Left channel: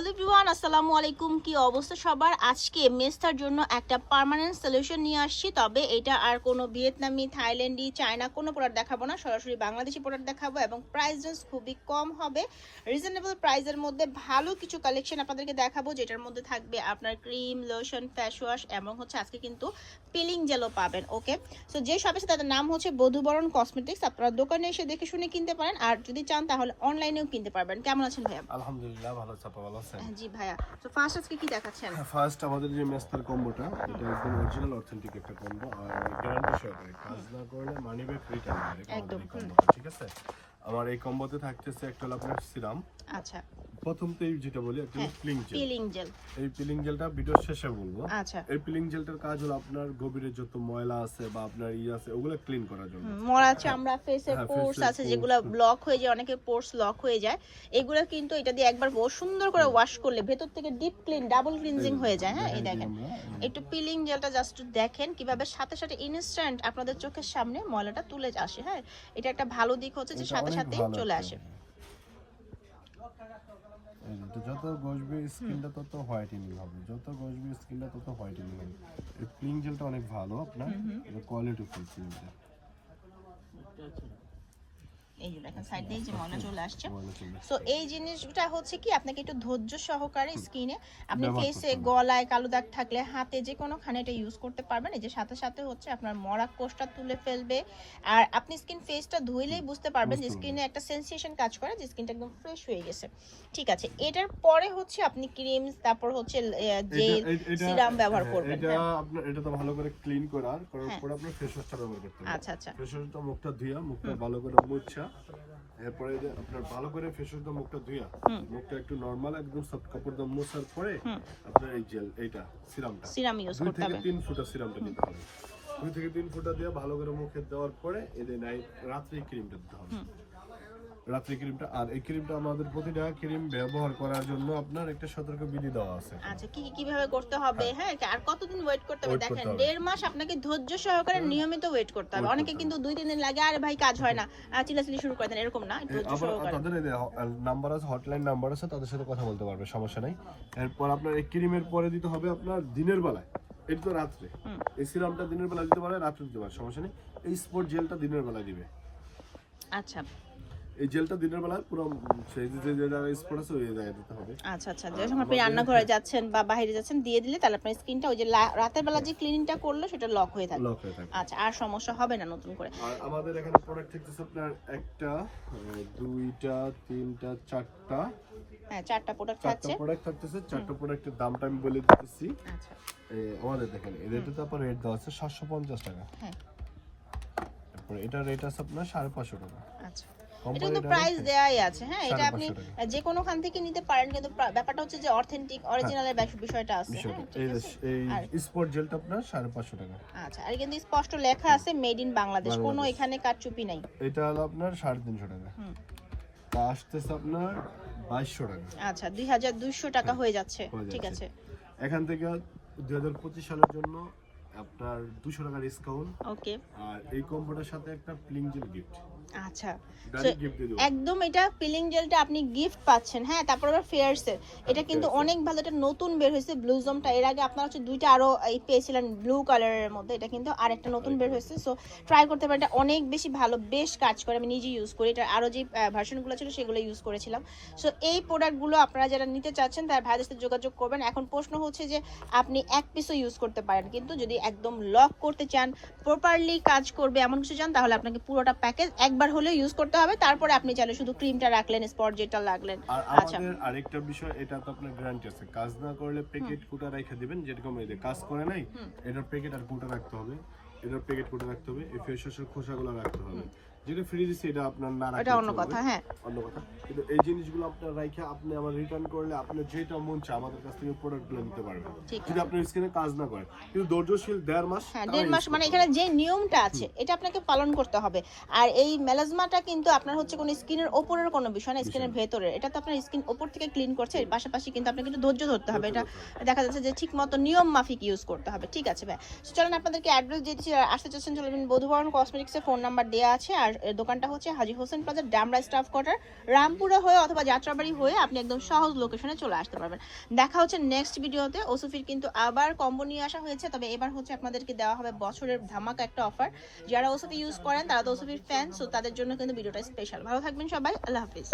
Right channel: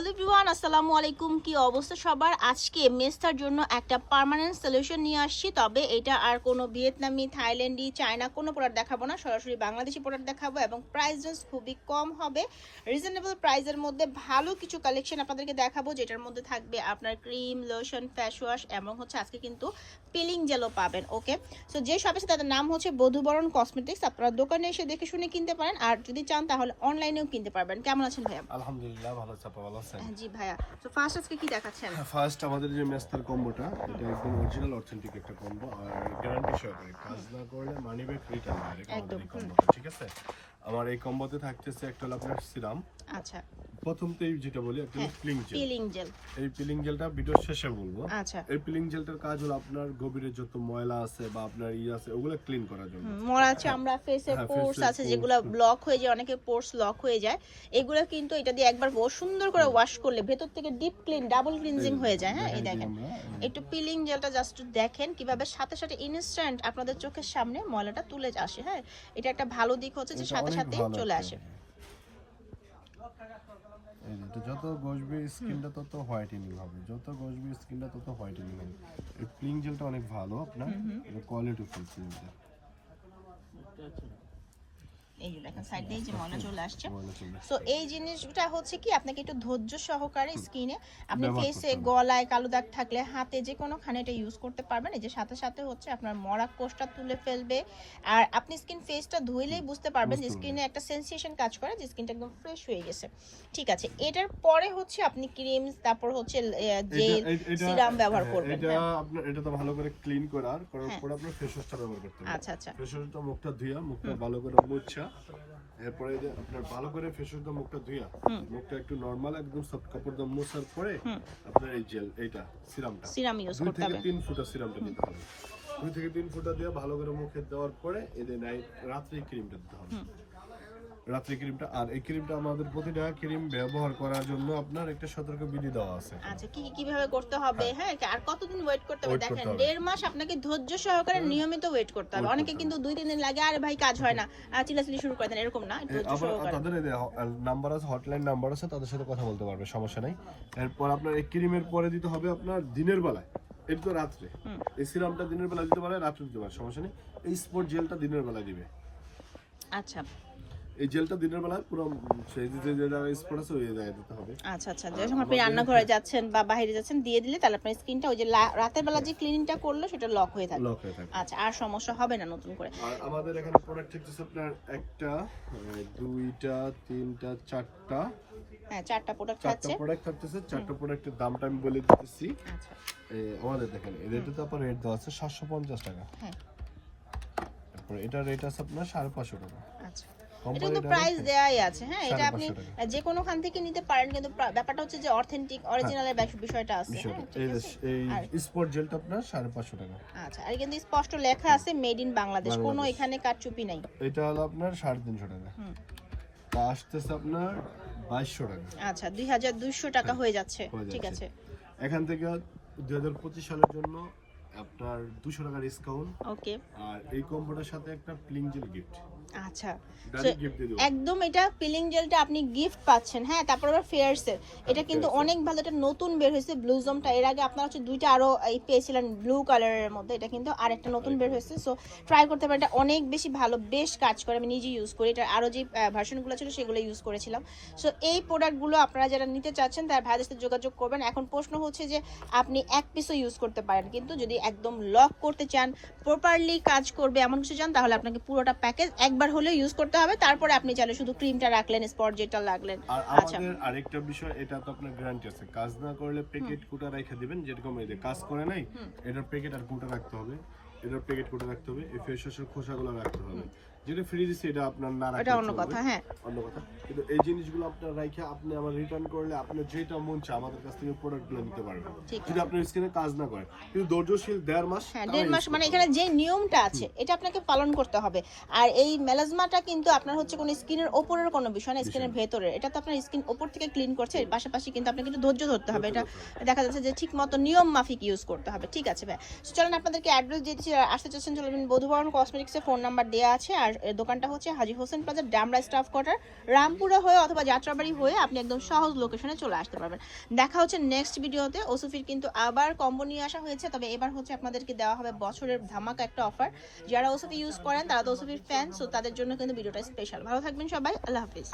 Hello everyone, আসসালামু আলাইকুম। কি অবস্থা সবার? আজকে মেস্তার জন্য একটা পার্মানেন্ট সলিউশন নিয়ে আসছি, তবে এটা আর কোনো ভিয়েতনামি, থাইল্যান্ডি, চায়না কোনো প্রোডাক্ট দেখাবো না। সরাসরি বাংলাদেশি প্রোডাক্ট দেখাবো এবং প্রাইস খুবই কম হবে। রিজনেবল প্রাইসের মধ্যে ভালো কিছু কালেকশন আপনাদেরকে দেখাবো, যেটার মধ্যে থাকবে আপনার ক্রিম লোশন ফেস ওয়াশ এবং হচ্ছে আজকে কিন্তু পিলিং জেলও পাবেন ওকে সো যে শপে তাদের নাম হচ্ছে বধুবরণ কসমেটিক্স আপনারা দোকানে এসে দেখে শুনে কিনতে পারেন, আর যদি চান তাহলে অনলাইনেও কিনতে পারবেন। কেমন আছেন ভাইয়া? আলহামদুলিল্লাহ, ভালো আছে আছেন হ্যাঁ, জি ভাইয়া। তো ফার্স্ট আজকে কি দেখাচ্ছেন? ফার্স্ট আমাদের যে মেস্তার কম্বোটা এটা একদম অরিজিনাল অথেন্টিক একটা কম্বো আর গ্যারান্টি সহকারে কাজ না করলে মানি ব্যাক রিটার্ন একদম, ঠিক আছে? আমার এই কম্বোতে থাকতেছে একটা হলো আপনার সিরাম। আচ্ছা। প্রথমতেই যেটা বলি একটা হ্যাঁ, পিলিং জেল পিলিং জেল এই পিলিং জেলটা ভিডিওর শেষে বলব। আচ্ছা। এই পিলিং জেলটার কাজ হলো আপনার গভীরের যত ময়লা আছে বা আপনার ই আছে ওগুলো ক্লিন করার জন্য। হুম, মরা চামড়া ফেসের হ্যাঁ, পোর্স আছে যেগুলো ব্লক হয়ে যায় অনেকে পোর্স লক হয়ে যায়। এগুলো কিন্তু এটা দিয়ে একবার বহু সুন্দর করে ওয়াশ করলে ভেতর থেকে ডিপ ক্লিন ডাবল ক্লিনজিং হয়ে যায় হ্যাঁ এই দেখেন। আমরা, একটু পিলিং জেলটা জাস্ট দেখেন কীভাবে সাথে সাথে ইনস্ট্যান্ট আপনাদের চোখের সামনে ময়লাটা তুলে আসে হ্যাঁ। এটা একটা ভালো দিক হচ্ছে যে সাথে সাথে চলে আসে। এই যে, যত গসবে স্কিনটা তত হোয়াইটেনিং হবে। যত গসবে স্কিনটা তত হোয়াইটেনিং হবে। এই ক্লিন জেলটা অনেক ভালো আপনার। এটা কোয়ালিটি ফুল ক্লিন জেল এই যে দেখেন সাইড যে ময়লা চলে আসছে। সো এই জিনিসটা হচ্ছে কি আপনাকে একটু ধৈর্য সহকারে স্কিনে আপনি ফেসে গলায় কালো দাগ থাকলে হাতে যে এটা ইউজ করতে পারবেন। এই যে সাথে সাথে হচ্ছে আপনার মরা কোষটা তুলে ফেলবে। আর আপনি স্কিন ফেসটা ধুইলেই বুঝতে পারবেন যে স্কিনে একটা সেন্সেশন কাজ করে যে স্কিনটা একদম ফ্রেশ হয়ে গেছে। ঠিক আছে এটার পরে হচ্ছে আপনি ক্রিম তারপর হচ্ছে জেল সিরাম ব্যবহার হ্যাঁ, করবেন। এটা হ্যাঁ। আপনার এটা তো ভালো করে ক্লিন করার করার। পরে আপনার ফেস ওয়াশটা ব্যবহার করতে হবে। আচ্ছা আচ্ছা। ফেস ওয়াশটা মুখটা ধুইয়া মুখটা ভালো করে মুছা। এরপরে আপনার ভালো করে ফেসের দাম মুখটা ধুইয়া মুখটা একটু নরমাল একদম সফট কাপড় দিয়ে মোছার পরে আপনার এই জেল এইটা সিরামটা সিরাম ইউজ করতে থেকে হবে। তিন ফুটা সিরামটা দিতে হবে। দুই থেকে তিন ফুটা দিয়ে ভালো করে মুখে দেওয়ার পরে এদের রাত্রে ক্রিমটা দিতে হবে। রাত্রে ক্রিমটা আর এই ক্রিমটা আমাদের প্রতিটা ক্রিম ব্যবহার করার জন্য আপনার একটা সতর্ক বিধি দেওয়া আছে। আচ্ছা কি কীভাবে করতে হবে? হ্যাঁ। আর কতদিন ওয়েট করতে হবে? দেখেন দেড় মাস আপনাকে ধৈর্য সহকারে নিয়মিত ওয়েট করতে হবে। অনেকে কিন্তু দুই তিন দিন লাগে আরে ভাই কাজ হয় না। আর চিলাচিলি শুরু করে দেন এরকম না আবার তাদের নাম্বার আছে হটলাইন নাম্বার আছে তাদের সাথে কথা বলতে পারবে সমস্যা নাই। এরপর আপনার এই ক্রিমের পরে দিতে হবে আপনার দিনের বেলায়। এটা তো রাত্রে। এই সিরামটা দিনের বেলা দিতে পারে রাত্রে দিতে পারে সমস্যা নেই। এই স্পট জেলটা দিনের বেলায় দিবে। আচ্ছা। এই জেলটা দিনের বেলা পুরো সেই যে যেটা স্পট আছে ওই জায়গায় দিতে হবে। আচ্ছা আচ্ছা যখন আপনি আমাদের- রান্নাঘরে যাচ্ছেন বা বাইরে যাচ্ছেন দিয়ে দিলে তাহলে আপনার স্কিনটা ওই যে রাতের বেলা যে ক্লিনিংটা করল সেটা লক হয়ে থাকবে লক হয়ে থাকে। আচ্ছা আর সমস্যা হবে না নতুন করে। আর আমাদের এখানে প্রোডাক্ট থাকতেছে আপনার একটা দুইটা তিনটা চারটা। হ্যাঁ চারটা প্রোডাক্ট আছে চারটা প্রোডাক্ট থাকতেছে। চারটা প্রোডাক্টের দামটা আমি বলে দিতেছি। আচ্ছা। আমাদের দেখেন এই রেটে তো আপনার রেট দেওয়া আছে সাতশো পঞ্চাশ টাকা। হ্যাঁ। তারপরে এটা রেট আছে আপনার সাড়ে পাঁচশো টাকা। আচ্ছা। এটা কিন্তু প্রাইস দেওয়াই আছে। হ্যাঁ এটা আপনি যে কোনো খান থেকে নিতে পারেন কিন্তু ব্যাপারটা হচ্ছে যে অথেন্টিক অরিজিনালের বিষয়টা আছে। হ্যাঁ, এই স্পট জেলটা আপনার সাড়ে পাঁচশো টাকা। আচ্ছা আর কিন্তু স্পষ্ট লেখা আছে মেড ইন বাংলাদেশ। কোনো এখানে কারচুপি নাই। এটা হলো আপনার সাড়ে তিনশো টাকা। হুম। তা আসতেছে আপনার টাকা। আচ্ছা দুই হাজার দুইশো টাকা হয়ে যাচ্ছে। ঠিক আছে। এখান থেকে দুই হাজার পঁচিশ সালের জন্য আপনার দুশো টাকা ডিসকাউন্ট ওকে আর এই কম্বোটার সাথে একটা গিফট আচ্ছা। একদম এটা পিলিং জেলটা আপনি গিফট পাচ্ছেন হ্যাঁ? তারপর আবার ফেয়ারসের এটা কিন্তু অনেক ভালো এটা নতুন বের হয়েছে ব্লুজমটা এর আগে আপনারা হচ্ছে দুইটা আরও এই পেয়েছিলেন ব্লু কালারের মধ্যে। এটা কিন্তু আরেকটা নতুন বের হয়েছে। সো ট্রাই করতে পারেন। এটা অনেক বেশি ভালো বেশ কাজ করে। আমি নিজে ইউজ করি। আরও যে ভার্সনগুলো ছিল সেগুলো ইউজ করেছিলাম। সো এই প্রোডাক্টগুলো আপনারা যারা নিতে চাচ্ছেন তার ভাইদের সাথে যোগাযোগ করবেন। এখন প্রশ্ন হচ্ছে যে আপনি এক পিসও ইউজ করতে পারেন। কিন্তু যদি একদম লক করতে চান প্রপারলি কাজ করবে এমন কিছু চান তাহলে আপনাকে পুরোটা প্যাকেজ একবার হলে ইউজ করতে হবে তারপরে আপনি চাইলে শুধু ক্রিমটা রাখলেন স্পট যেটা লাগলেন। আর আচ্ছা। আমাদের আরেকটা বিষয় এটা তো আপনার গ্যারান্টি আছে। কাজ না করলে প্যাকেট কুটা রেখে দিবেন যেরকম এই যে কাজ করে নাই। এটার প্যাকেট আর কুটা রাখতে হবে। এটার প্যাকেট কুটা রাখতে হবে এই ফেস ওয়াশের খোসাগুলো রাখতে হবে। যেটা ফ্রি দিচ্ছে এটা আপনার না এটা অন্য কথা হ্যাঁ। অন্য কথা। কিন্তু এই জিনিসগুলো আপনার রাইখে আপনি আবার রিটার্ন করলে আপনি যেটা মন চায় আমাদের কাছ থেকে প্রোডাক্টগুলো নিতে পারবেন। যদি আপনার স্কিনে কাজ না করে। কিন্তু ধৈর্যশীল দেড় মাস হ্যাঁ দেড় মাস মানে এখানে যে নিয়মটা আছে এটা আপনাকে পালন করতে হবে। আর এই মেলাজমাটা কিন্তু আপনার হচ্ছে কোনো স্কিনের ওপরের কোনো বিষয় না স্কিনের ভেতরে এটা তো আপনার স্কিন ওপর থেকে ক্লিন করছে এর পাশাপাশি কিন্তু আপনাকে একটু ধৈর্য ধরতে হবে। এটা দেখা যাচ্ছে যে ঠিক মতো নিয়ম মাফিক ইউজ করতে হবে। ঠিক আছে ভাই। চলেন আপনাদেরকে অ্যাড্রেস দিয়ে দিচ্ছি। আর আসতে চাচ্ছেন চলবেন বধুবরণ কসমেটিক্সের ফোন নাম্বার দেওয়া আছে। আর আর দোকানটা হচ্ছে Haji Hossain plaza Demra staff quarter. Rampura হয়ে অথবা যাত্রাবাড়ি হয়ে আপনি একদম সহজ লোকেশনে চলে আসতে পারবেন। দেখা হচ্ছে নেক্সট ভিডিওতে ওসুফির কিন্তু আবার কম্বো নিয়ে আসা হয়েছে। তবে এবার হচ্ছে আপনাদেরকে দেওয়া হবে বছরের ধামাকা একটা অফার যারা ওসুফি ইউজ করেন, তারা তো ওসুফির ফ্যান সো তাদের জন্য কিন্তু ভিডিওটা স্পেশাল ভালো থাকবেন সবাই। আল্লাহ হাফিজ।